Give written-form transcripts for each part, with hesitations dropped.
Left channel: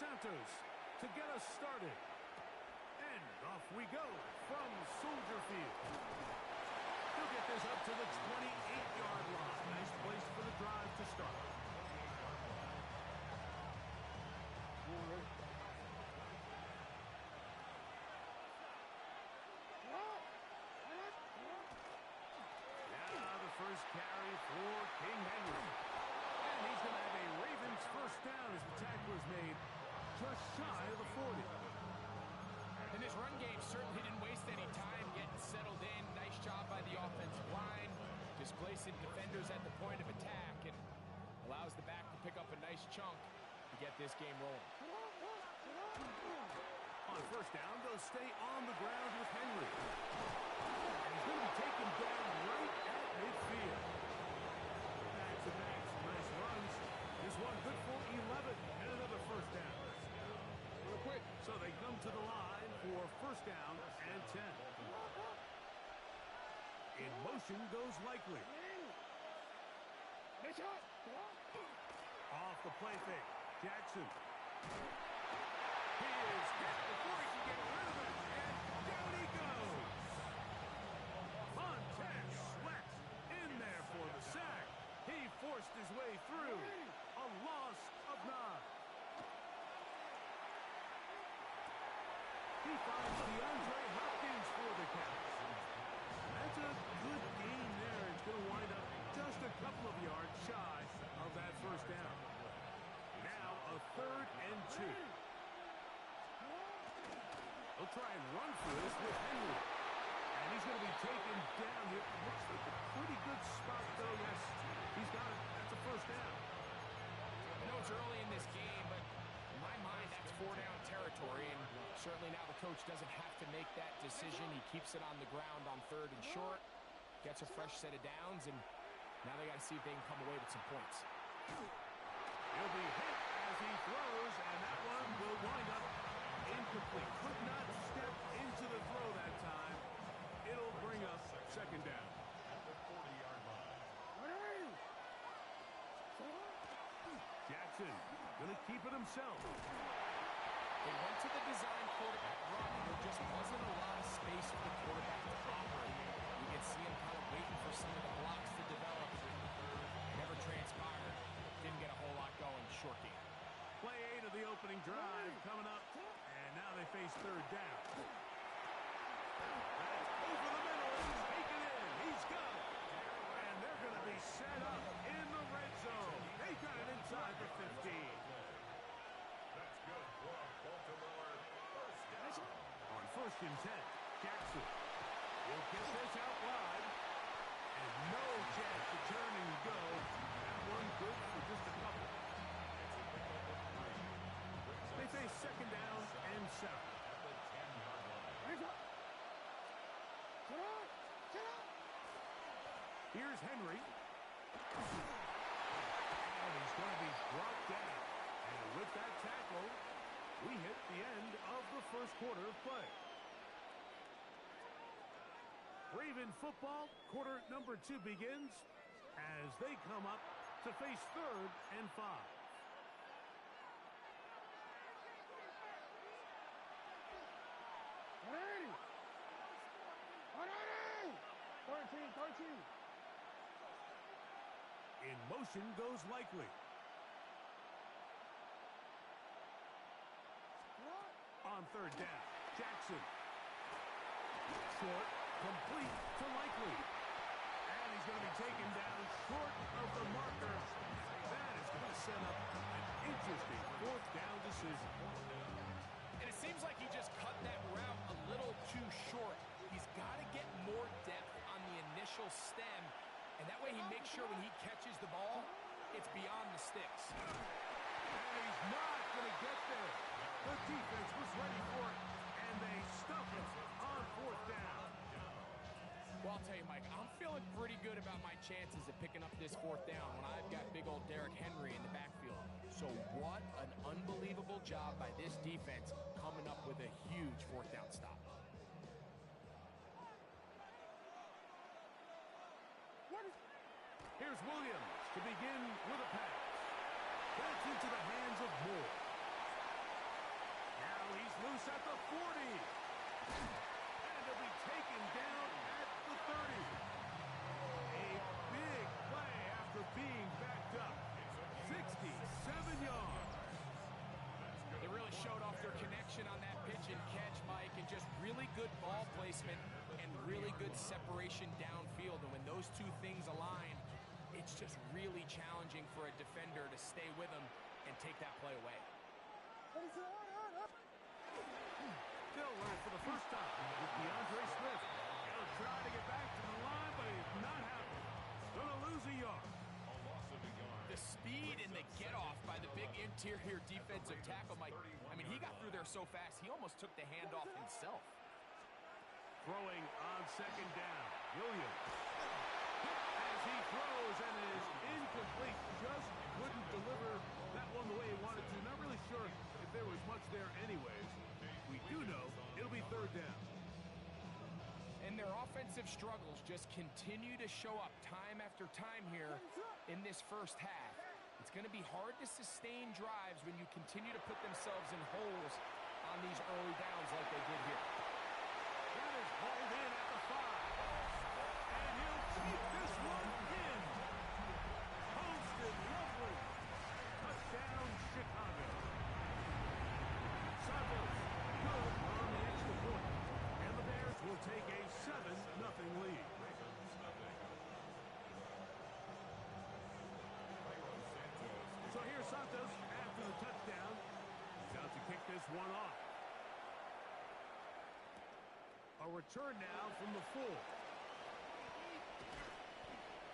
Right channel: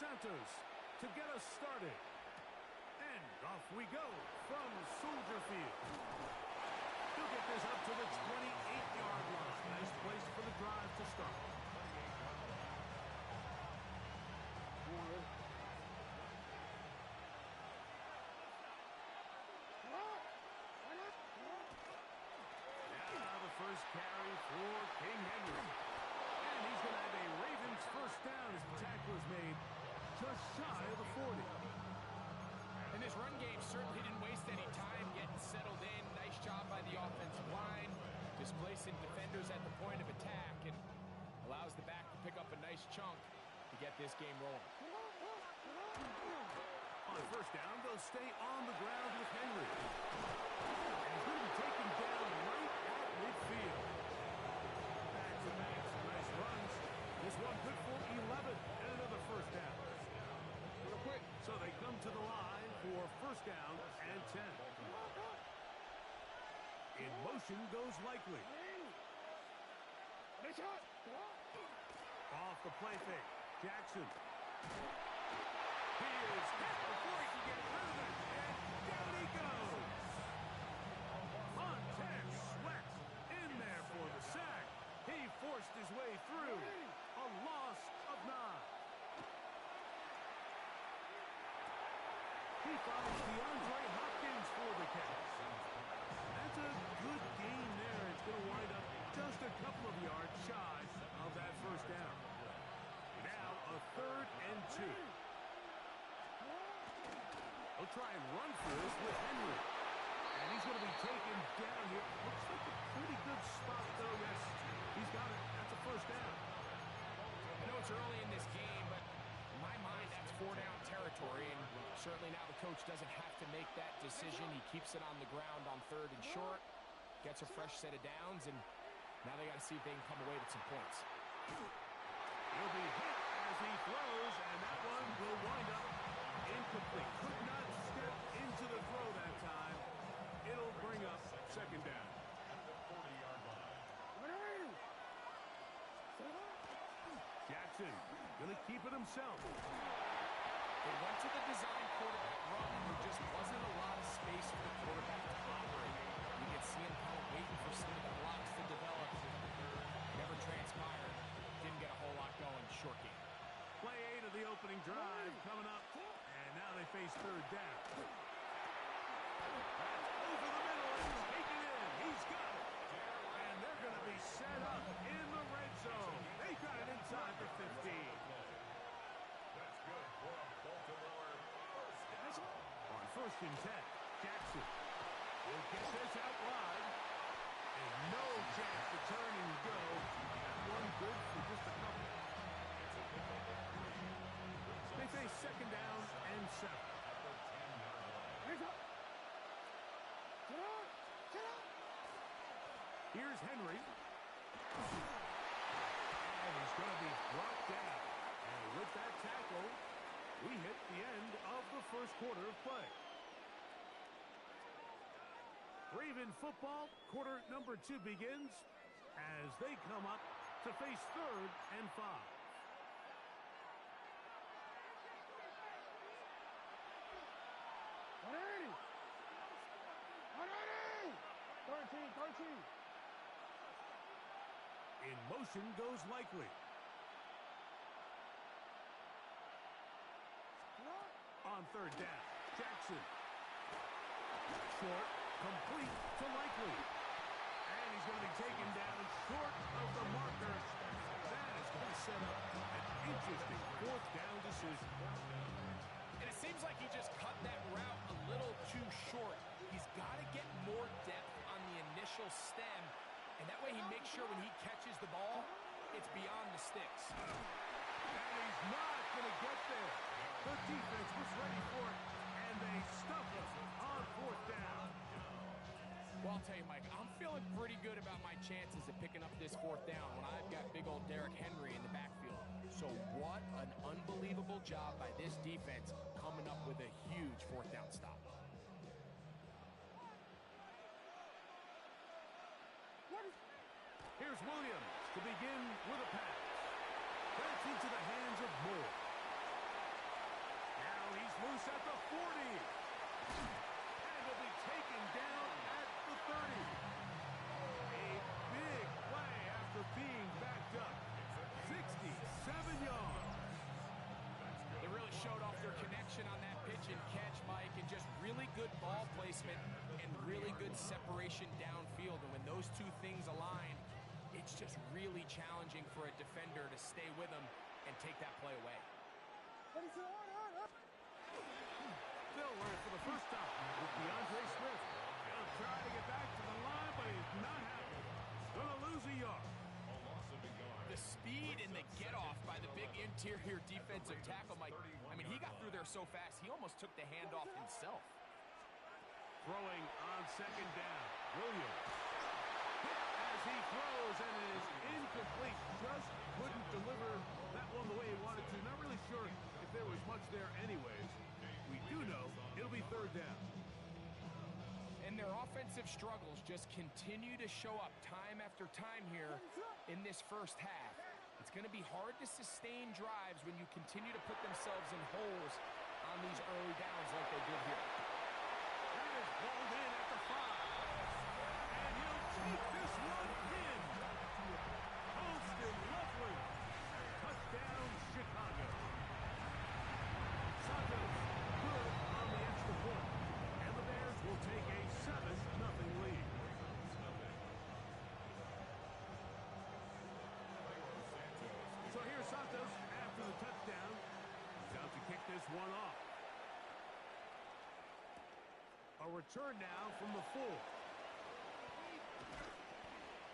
Santos to get us started. And off we go from Soldier Field. He'll get this up to the 28-yard line. Nice place for the drive to start. Now the first carry for King Henry. And he's going to have a Ravens first down as the tackle is made just shy of the 40. And this run game certainly didn't waste any time getting settled in. Nice job by the offensive line, displacing defenders at the point of attack, and allows the back to pick up a nice chunk to get this game rolling. On first down, they'll stay on the ground with Henry. And he's going to be taken down right at midfield. Back to back, some nice runs. This one good for 11 and another first down. Real quick. So they come to the line for first down and 10. In motion goes Likely. Off the play fake. Jackson. He is hit before he can get rid of it. And down he goes. Montez Sweat in there for the sack. He forced his way through. A loss of 9. He finds DeAndre Hopkins for the catch. That's a good gain there. It's going to wind up just a couple of yards shy of that first down. Now a 3rd and 2. They'll try and run for this with Henry. And he's going to be taken down here. Looks like a pretty good spot, though. Yes, he's got it. That's a first down. I know it's early in this game, but in my mind, that's 4-down territory, and certainly now the coach doesn't have to make that decision. He keeps it on the ground on 3rd and short, gets a fresh set of downs, and now they got to see if they can come away with some points. He'll be hit as he throws, and that one will wind up incomplete. Could not step into the throw that time. It'll bring up second down. At the 40-yard line. Jackson going to keep it himself. They went to the design quarterback run, and there just wasn't a lot of space for the quarterback to operate. You could see him kind of waiting for some of the blocks to develop. Never transpired. Didn't get a whole lot going. Short game. Play 8 of the opening drive coming up, and now they face 3rd down. That's over the middle and taken in. He's got it. And they're going to be set up in the red zone. They got it inside the 15. That's good for a Baltimore first down. On 1st and 10, Jackson. He'll get this out wide. And no chance to turn and go. That one good for just a couple. They face 2nd down and 7. At the 10-yard line. Here's Henry. And he's going to be brought down. And with that tackle, we hit the end of the first quarter of play. Raven football, quarter number 2 begins as they come up to face 3rd and 5. In motion goes Likely. On 3rd down, Jackson. Short, complete to Likely. And he's going to be taken down short of the marker. That is going to set up an interesting 4th down decision. And it seems like he just cut that route a little too short. He's got to get more depth on the initial stem, and that way he makes sure when he catches the ball, it's beyond the sticks. And he's not going to get there. The defense was ready for it, and they stuff him on 4th down. Well, I'll tell you, Mike, I'm feeling pretty good about my chances of picking up this 4th down when I've got big old Derrick Henry in the backfield. So what an unbelievable job by this defense coming up with a huge 4th down stop. Here's Williams to begin with a pass. That's into the hands of Moore. loose at the 40. And he'll be taken down at the 30. A big play after being backed up. 67 yards. They really showed off their connection on that pitch and catch, Mike, and just really good ball placement and really good separation downfield. And when those two things align, it's just really challenging for a defender to stay with them and take that play away. They'll run it for the first time with DeAndre Swift. He'll try to get back to the line, but he's not happy. Gonna lose a yard. A loss of a yard. The speed and the get-off by the big interior defensive tackle, Mike. I mean, he got through there so fast, he almost took the handoff himself. Throwing on second down. Williams. Hit as he throws, and it is incomplete. Just couldn't deliver that one the way he wanted to. Not really sure if there was much there anyways. We do know it'll be third down. And their offensive struggles just continue to show up time after time here in this first half. It's going to be hard to sustain drives when you continue to put themselves in holes on these early downs like they did here. That is hauled in at the 5. And he'll take this one in. Holston Lovely. Touchdown, Chicago. Santos, good on the extra point. And the Bears will take a 7-0 lead. So here's Santos after the touchdown. He's out to kick this one off. A return now from the 4.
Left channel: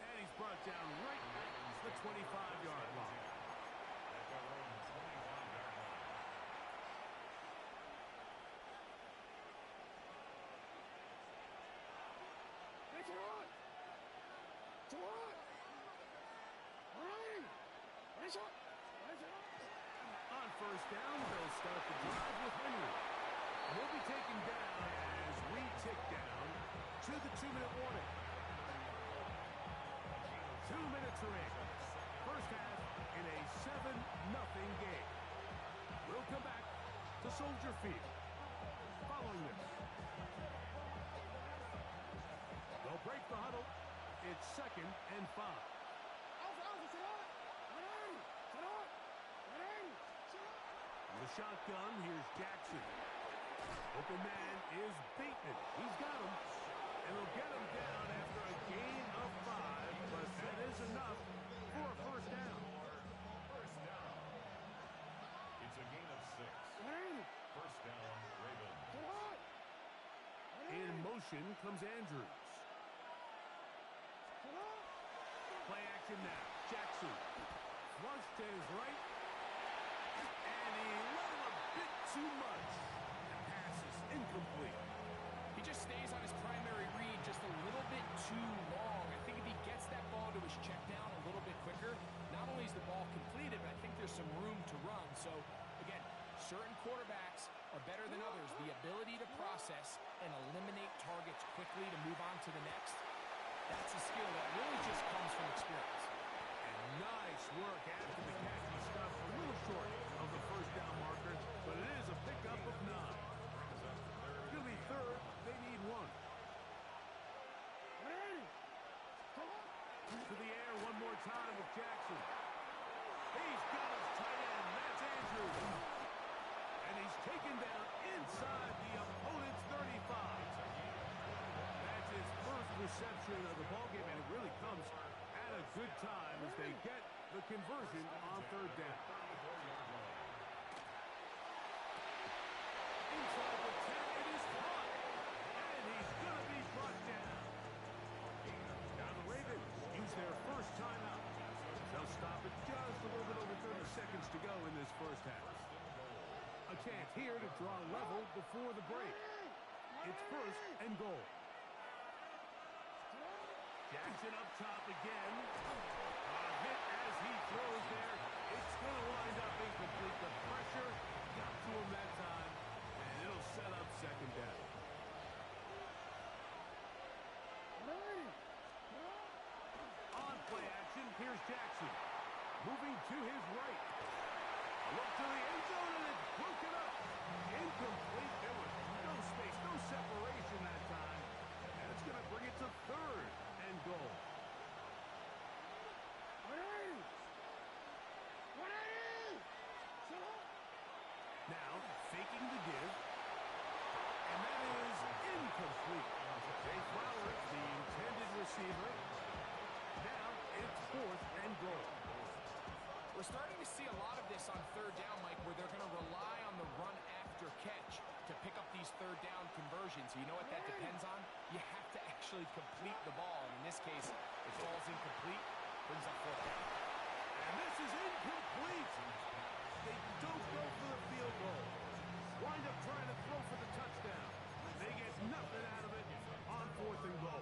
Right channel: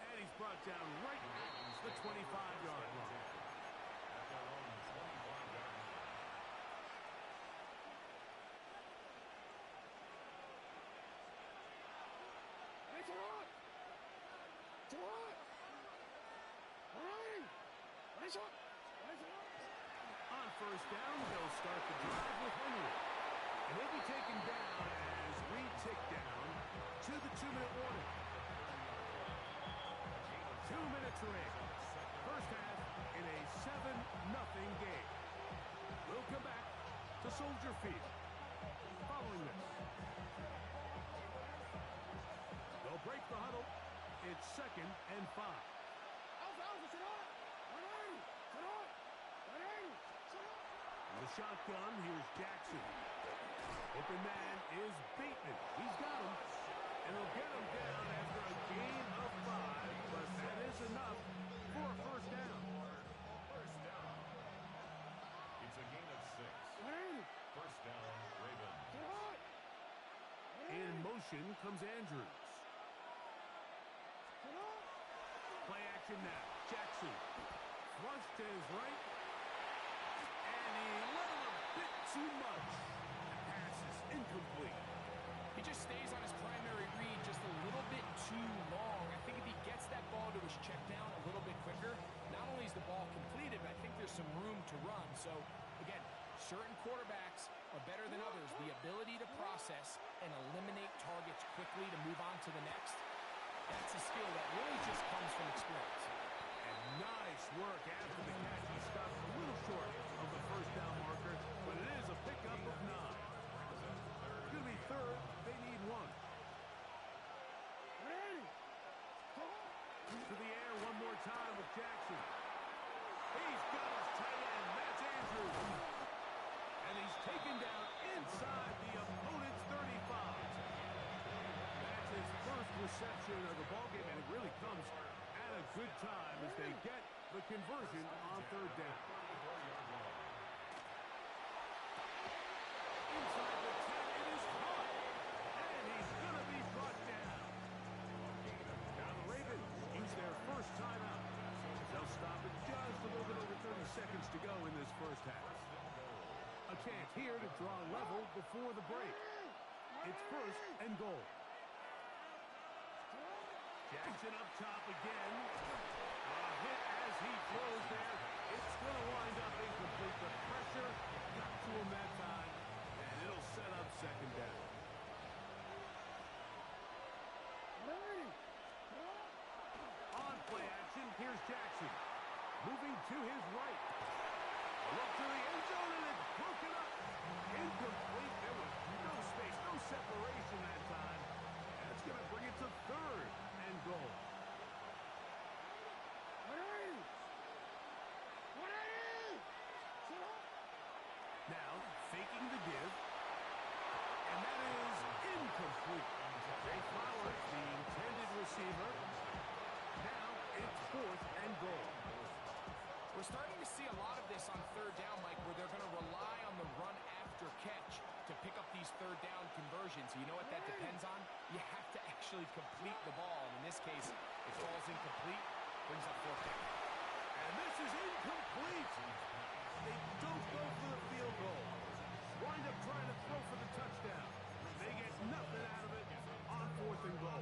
And he's brought down right at the 25-yard line. At their own 25-yard line. On first down, they'll start the drive with Henry. And he'll be taken down as we tick down to the 2-minute warning. 2 minutes remaining. First half in a 7-0 game. We'll come back to Soldier Field following this. They'll break the huddle. It's 2nd and 5. In the shotgun, here's Jackson. Open man is Bateman. He's got him. And they'll get him down after a gain of 5, but that is enough for a first down. First down. It's a gain of 6. First down, Ravens. In motion comes Andrews. Play action now. Jackson. Flush to his right. And he let him a bit too much. The pass is incomplete. He just stays on his primary read just a little bit too long. I think if he gets that ball to his check down a little bit quicker, not only is the ball completed, but I think there's some room to run. So, again, certain quarterbacks are better than others. The ability to process and eliminate targets quickly to move on to the next, that's a skill that really just comes from experience. And nice work after the catch. He stopped a little short of the first down marker, but it is a pickup of 9. It's going to be third. They need 1. To the air one more time with Jackson. He's got his tight end. That's Andrews. And he's taken down inside the opponent's 35. That's his first reception of the ballgame, and it really comes at a good time as they get the conversion on third down. Inside the 10, it is caught. And he's going to be brought down. Now the Ravens use their first timeout. They'll stop it just a little bit over 30 seconds to go in this first half. A chance here to draw level before the break. It's first and goal. Jackson up top again. A hit as he throws there. It's going to wind up incomplete. The pressure got to him that time, and it'll set up second down. On play action, here's Jackson. Moving to his right. A look to the end zone, and it's broken up. Incomplete. faking the give. And that is incomplete. Jay Flowers, the intended receiver. Now it's 4th and goal. We're starting to see a lot of this on third down, Mike, where they're going to rely on the run after catch to pick up these third down conversions. You know what that depends on? You have to actually complete the ball. And in this case, it falls incomplete, brings up 4th down. And this is incomplete. They don't go for the field goal. Wind up trying to throw for the touchdown. They get nothing out of it on 4th and goal.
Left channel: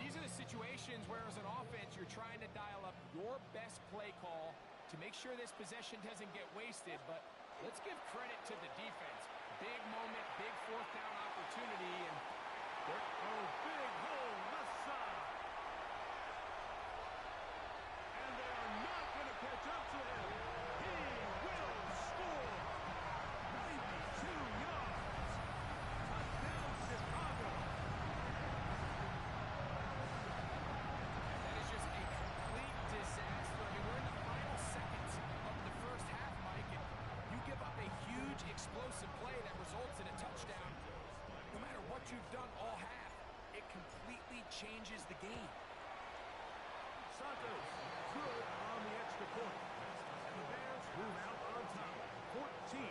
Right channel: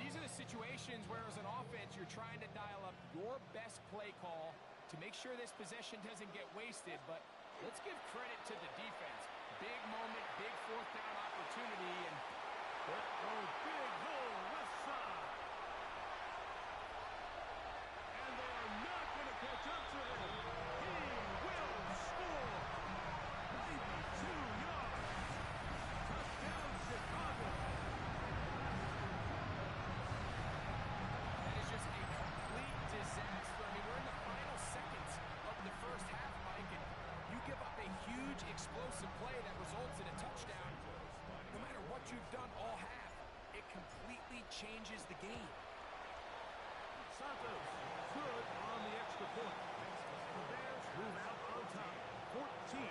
These are the situations where, as an offense, you're trying to dial up your best play call to make sure this possession doesn't get wasted. But let's give credit to the defense. Big moment, big 4th down opportunity, and big hole left side. And they are not going to catch up to him. He will score. 92 yards. Touchdown, Chicago. that is just a complete disaster. I mean, we're in the final seconds of the first half, Mike, and you give up a huge explosive play that results in a touchdown. No matter what you've done all half, it completely changes the game. Santos, good on the extra point. And the Bears move out on top, 14-0.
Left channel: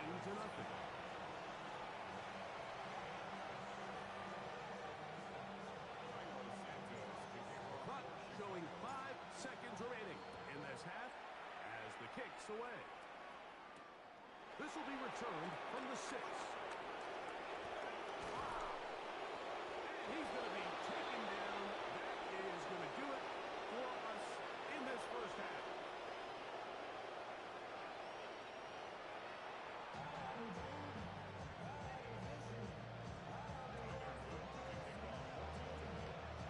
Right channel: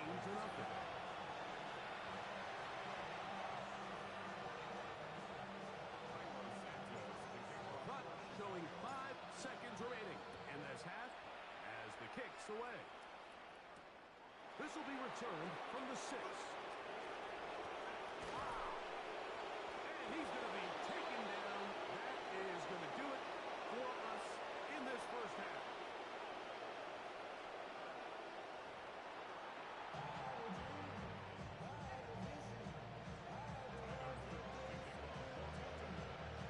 Clock showing 5 seconds remaining in this half as the kick's away. This will be returned from the 6. And he's going to be taken down. That is going to do it for us in this first half.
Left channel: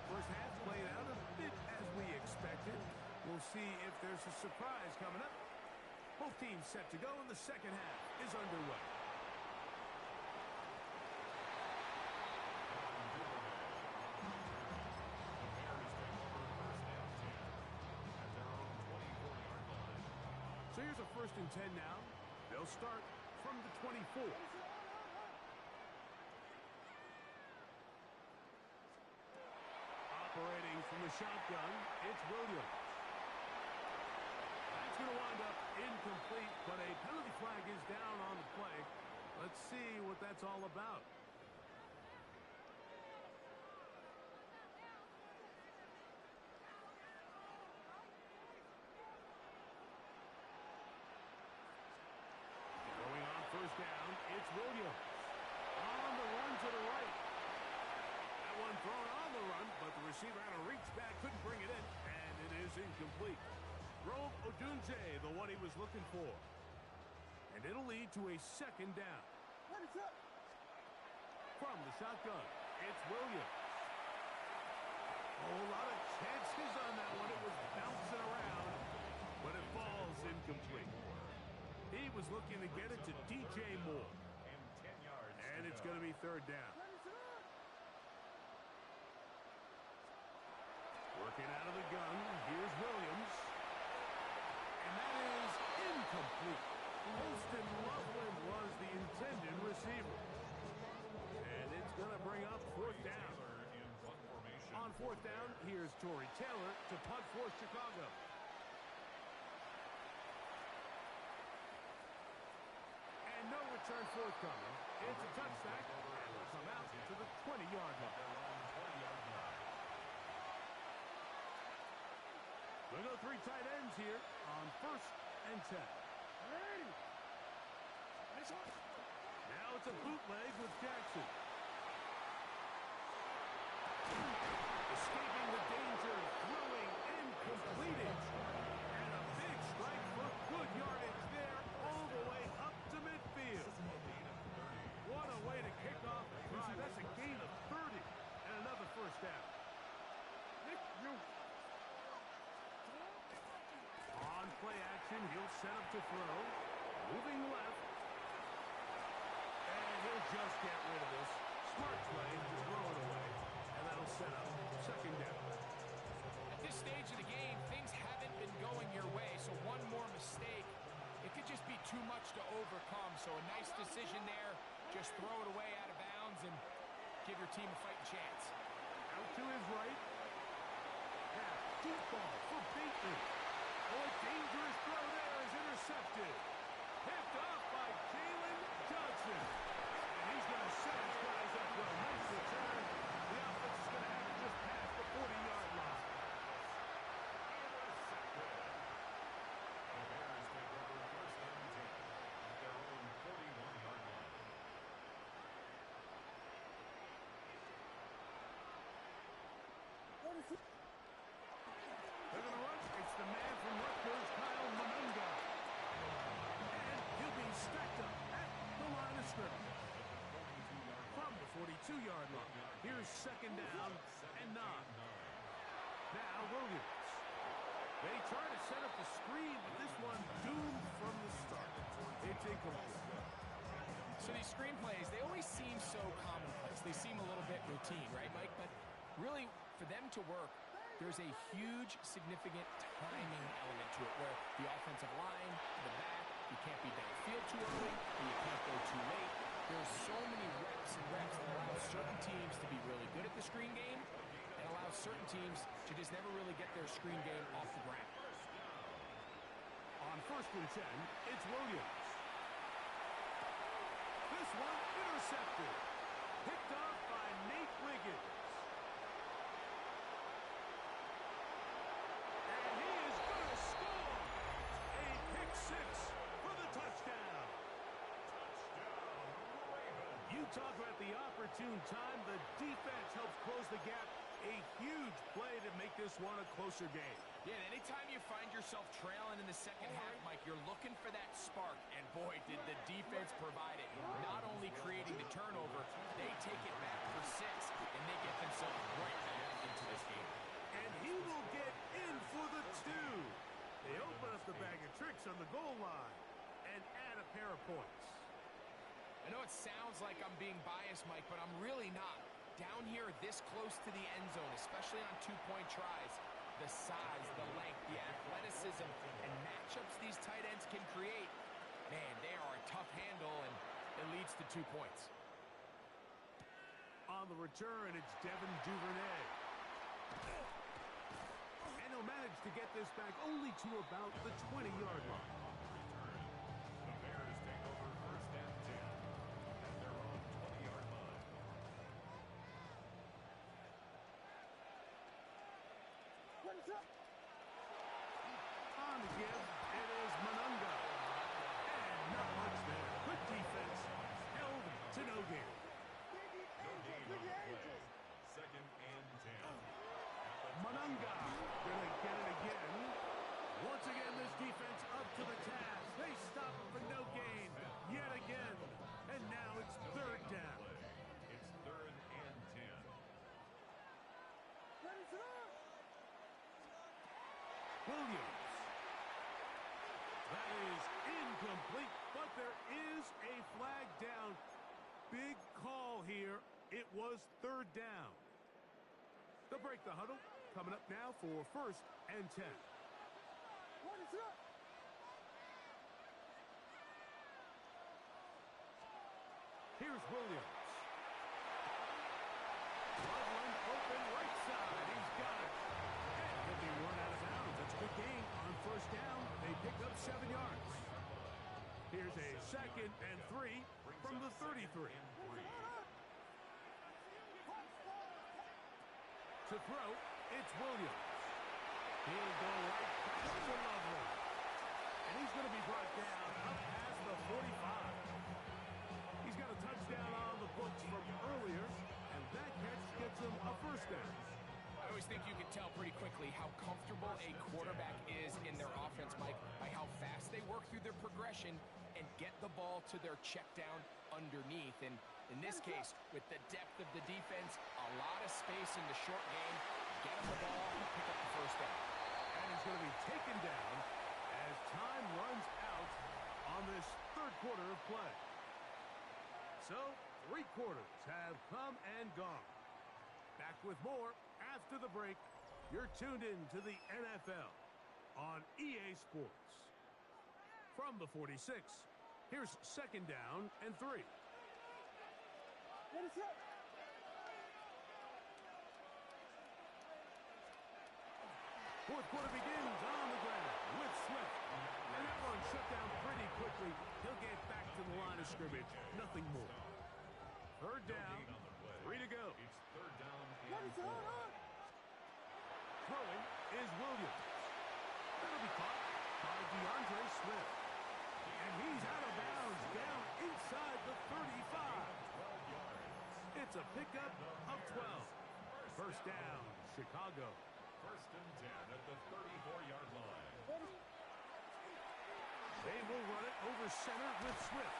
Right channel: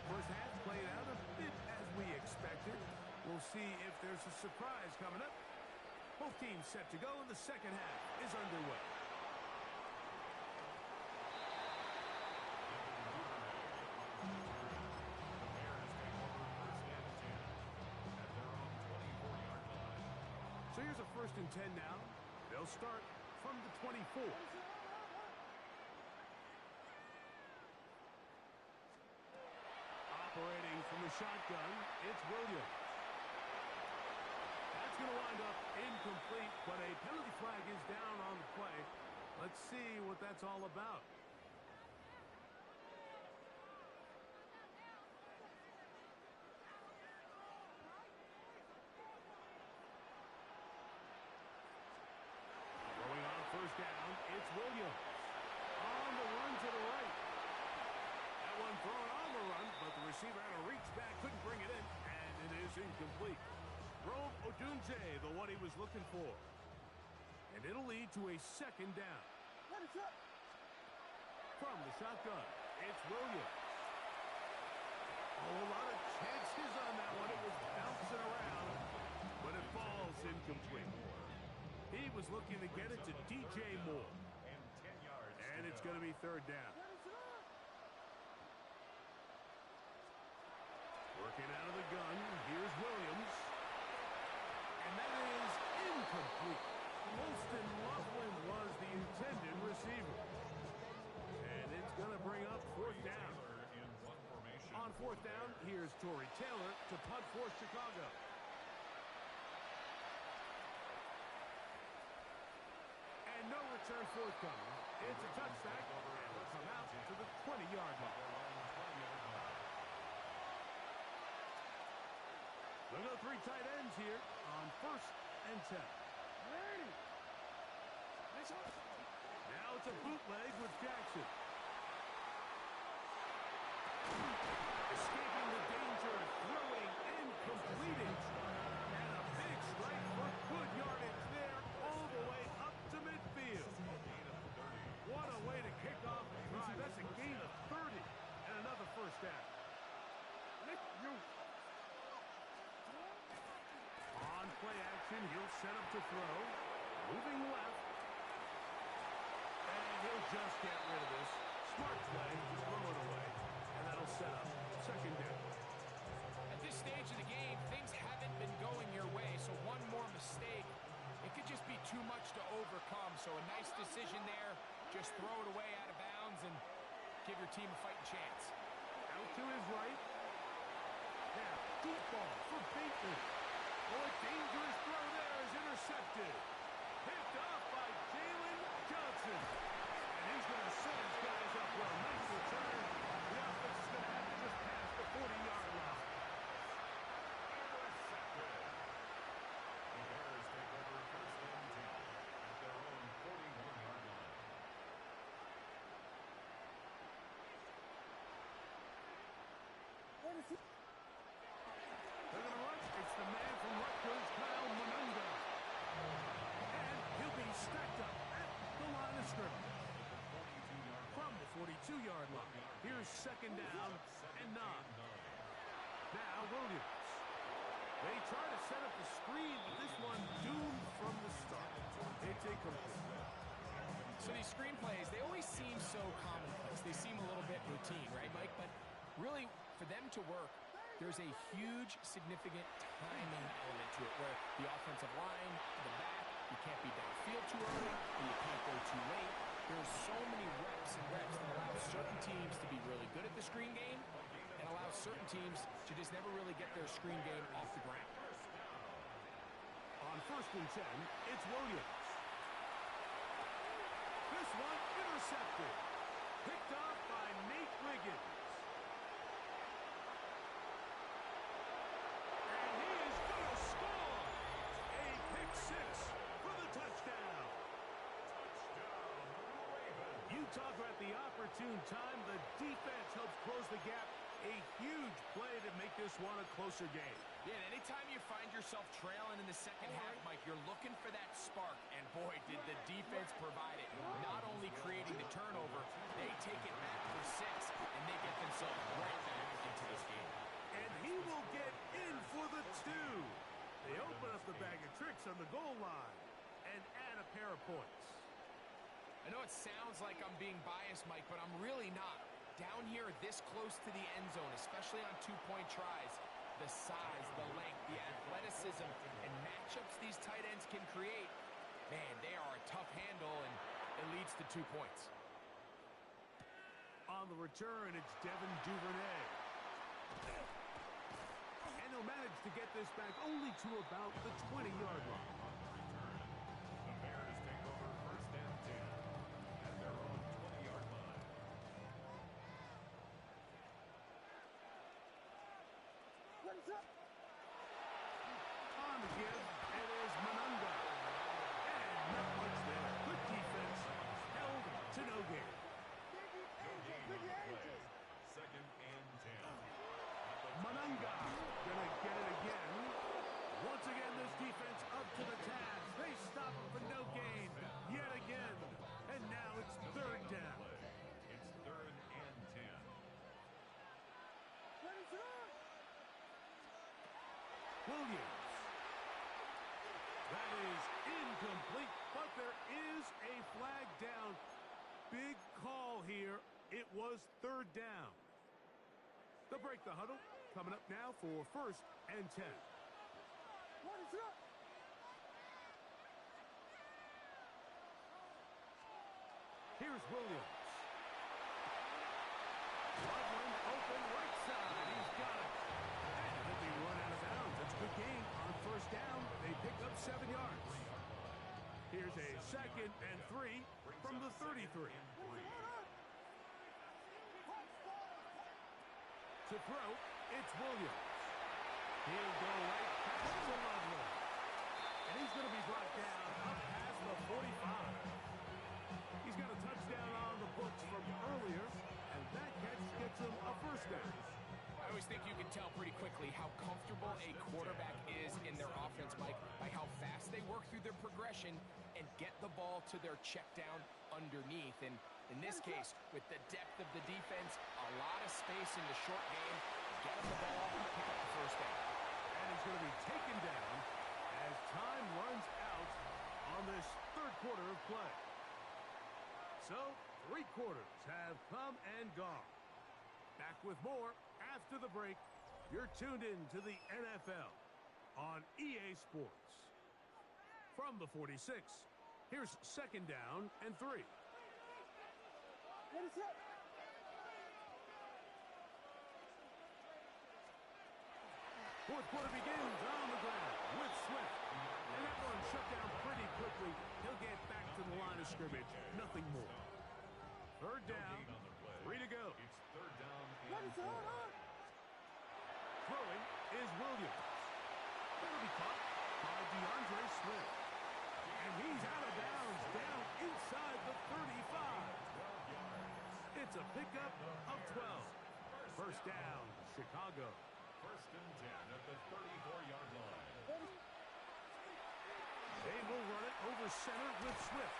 First half played out a bit as we expected. We'll see if there's a surprise coming up. Both teams set to go, and the second half is underway. So here's a 1st and 10 now. They'll start from the 24. Operating from the shotgun, it's Williams. That's going to wind up incomplete, but a penalty flag is down on the play. Let's see what that's all about. Throwing on 1st down, it's Williams. On the run to the right. That one thrown on the run, but the receiver had to reach back, couldn't bring it in, and it is incomplete. Rome Odunze, the one he was looking for. And it'll lead to a 2nd down. From the shotgun, it's Williams. Oh, a lot of chances on that one. It was bouncing around, but it falls incomplete. He was looking to get it to DJ Moore. And it's going to be 3rd down. Working out of the gun, here's Williams. And that is incomplete. Holston Loveland was the intended receiver. And it's going to bring up 4th down. On 4th down, here's Torrey Taylor to punt for Chicago. And no return forthcoming. It's a touchback, and will come out to the 20-yard line. They'll go 3 tight ends here on 1st and 10. Now it's a bootleg with Jackson. Escaping the danger, throwing and completed. And a big strike for good yardage there all the way up to midfield. What a way to kick off the drive. That's a gain of 30 and another 1st down. On play action, he'll set up to throw. Moving left. And he'll just get rid of this. Smart play to throw it away. And that'll set up 2nd down. At this stage of the game, things haven't been going your way, so one more mistake, it could just be too much much to overcome, so a nice decision there. Just throw it away out of bounds and give your team a fighting chance. Out to his right. Now, deep ball for Bateman. Oh, a dangerous throw there is intercepted. Picked off by Jalen Johnson. And he's going to set his guys up well. Nice return. The offense is going to have to just pass the 40-yard line. Intercepted. The Bears take over first and 10 at their own 41-yard line. They're going to run. It's the man from Rutgers, Kyle Monunga. And he'll be stacked up at the line of scrimmage. From the 42-yard line. Here's second down and 9. Now Williams. They try to set up the screen, but this one doomed from the start. It's incomplete. So these screenplays, they always seem so commonplace. They seem a little bit routine, right, Mike? But really, for them to work, there's a huge, significant timing element to it where the offensive line, the back, you can't be downfield too early, and you can't go too late. There's so many reps and reps that allow certain teams to be really good at the screen game and allow certain teams to just never really get their screen game off the ground. On first and 10, it's Williams. This one intercepted. Picked off by Nate Wiggins. And he is going to score. A pick six for the touchdown. Touchdown, Ravens. You talk about the opportune time. The defense helps close the gap. A huge play to make this one a closer game. Yeah, and anytime you find yourself trailing in the second half, Mike, you're looking for that spark. And boy, did the defense provide it. Not only creating the turnover, they take it back for 6, and they get themselves right back into this game. And he will get in for the 2. They open up the bag of tricks on the goal line and add a pair of points. I know it sounds like I'm being biased, Mike, but I'm really not. Down here this close to the end zone, especially on two-point tries, the size, the length, the athleticism, and matchups these tight ends can create, man, they are a tough handle, and it leads to 2 points. On the return, it's Devin Duvernay. And he'll manage to get this back only to about the 20-yard line. On the return, the Bears take over first and 10 at their own 20-yard line. On the give, it is Monunga. And not much there. Good defense. Held to no gain. No gain on the play. Second and 10. Monunga gonna get it again. Once again, this defense up to the task. They stop him for no gain yet again. And now it's third down. It's third and 10. Williams. That is incomplete, but there is a flag down. Big call here. It was third down. They'll break the huddle. Coming up now for first and 10. Here's Williams. Loveland open right side. He's got it. And he'll be run out of bounds. That's a good gain on first down. They pick up 7 yards. Here's a second and 3 from the 33. To throw, it's Williams. He'll go right back to Loveland. And he's going to be brought down up past the 45. He's got a touchdown on the books from earlier, and that catch gets him a first down. I always think you can tell pretty quickly how comfortable a quarterback is in their offense, Mike, by how fast they work through their progression and get the ball to their check down underneath. And in this case, with the depth of the defense, a lot of space in the short game, get him the ball, pick up the first down. And he's going to be taken down as time runs out on this third quarter of play. So, 3 quarters have come and gone. Back with more after the break. You're tuned in to the NFL on EA Sports. From the 46, Here's second down and 3. Fourth quarter begins on the ground with Swift. And that one shut down pretty quickly. He'll get back to the line of scrimmage. Nothing more. Third down, 3 to go. It's third down and 4. Throwing is Williams. That'll be caught by DeAndre Swift. And he's out of bounds down inside the 35. 12 yards. It's a pickup of 12. First down, Chicago. First and 10 at the 34-yard line. They will run it over center with Swift.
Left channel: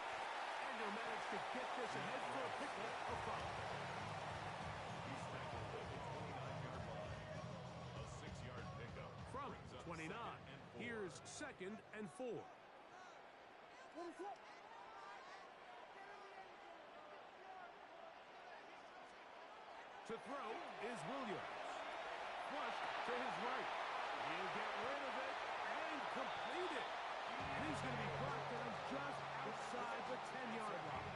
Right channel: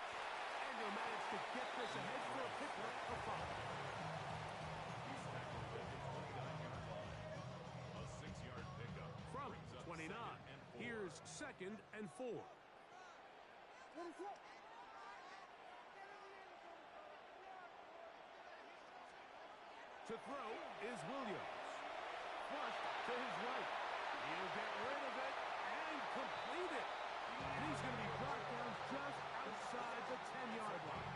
And he'll manage to get this ahead for a pickup of 5. He's tackled at the 29-yard line. A 6-yard pickup. From Brings up 29, second and 4. here's second and 4. To throw is Williams. Flush to his right. He'll get rid of it and complete it. And he's going to be brought down just outside the 10-yard line.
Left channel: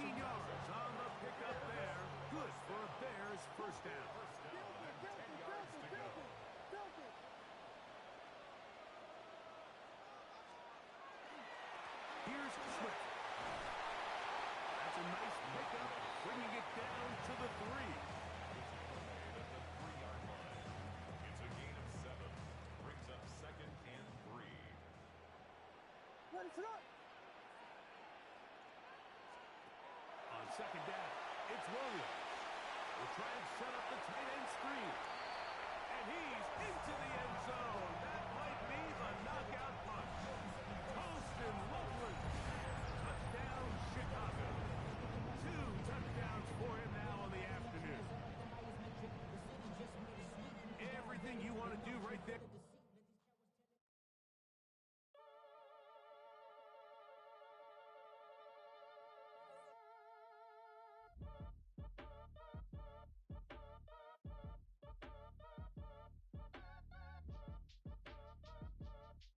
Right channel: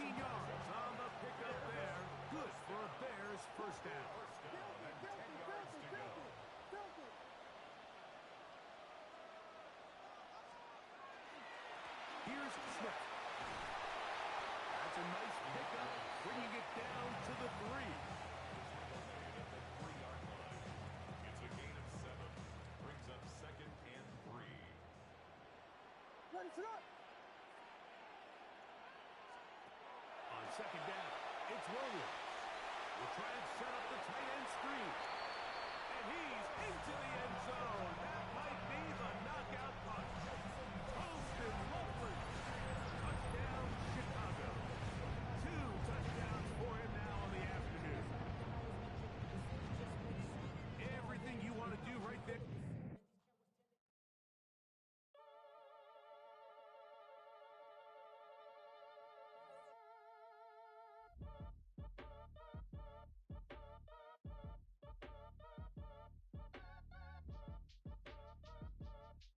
18 yards on the pickup there. Good for a Bears first down. First down and 10 yards to go. Here's Swift. That's a nice pickup, bringing it down to the 3. The tackle made at the 3-yard line. It's a gain of 7. Brings up second and 3. On second down, it's Williams. We'll try and set up the tight end screen.